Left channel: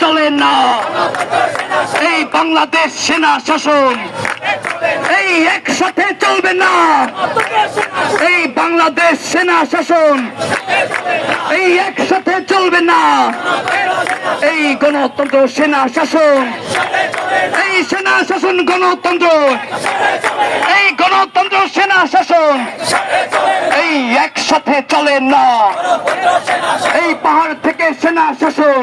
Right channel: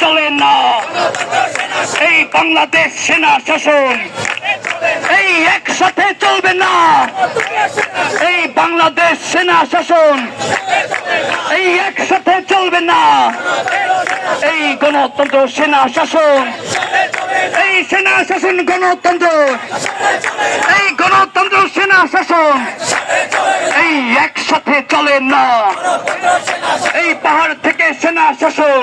চলে না এই বাংলাদেশ সেনা শাসন, এই একসাথে চলবে না এই বাংলাদেশ সেনা শাসন, এই একসাথে চলবে না এই গণতন্ত্র সেনা শাসন, এই সেনা শাসন গণতন্ত্র, এই গণতন্ত্র সেনা শাসন, এই একসাথে চলে না এই পাহাড় থেকে সেনা শাসন।